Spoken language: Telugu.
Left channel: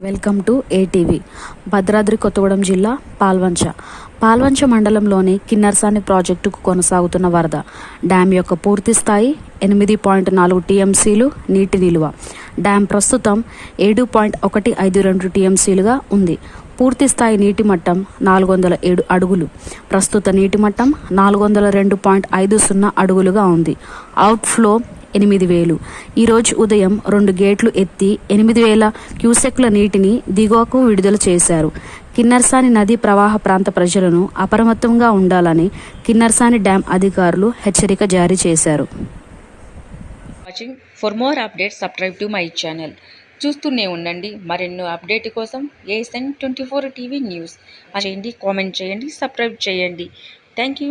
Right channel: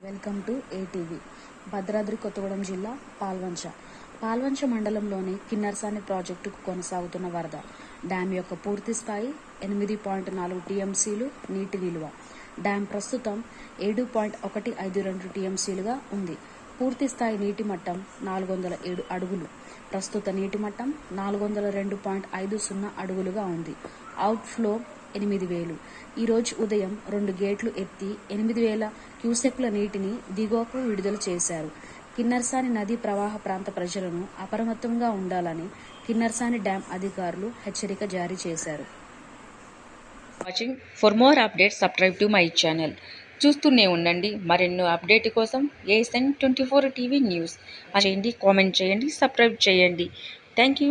Welcome to ATV. Bhadradri Kothagudem జిల్లా పాల్వంచ మండలంలోని కిన్నెరసాని ప్రాజెక్టుకు కొనసాగుతున్న వరద. డ్యాం యొక్క పూర్తి స్థాయి 8.4 టీఎంసీలు నీటి నిలువ. డ్యాం ప్రస్తుతం 7.152 టీఎంసీలుగా ఉంది. పూర్తి స్థాయి నీటి మట్టం 407 అడుగులు. ప్రస్తుత నీటి మట్టం 402.50 అడుగులుగా ఉంది. అవుట్ఫ్లో 8,000. ఈరోజు ఉదయం 2 గేట్లు ఎత్తి 8,000 క్యూసెక్ల నీటిని దిగువకు విడుదల చేశారు. కిన్నెరసాని నదీ ప్రవాహ ప్రాంత ప్రజలను అప్రమత్తంగా ఉండాలని కిన్నెరసాని డ్యాం అధికారులు హెచ్చరిక జారీ చేశారు. For more updates subscribe to my channel. చూస్తూనే ఉండండి. మరెన్నో అప్డేట్ కోసం ASN 24 టీవీ న్యూస్ చేయండి, కామెంట్ చేయండి, సబ్స్క్రైబ్ చేయండి. Thank you.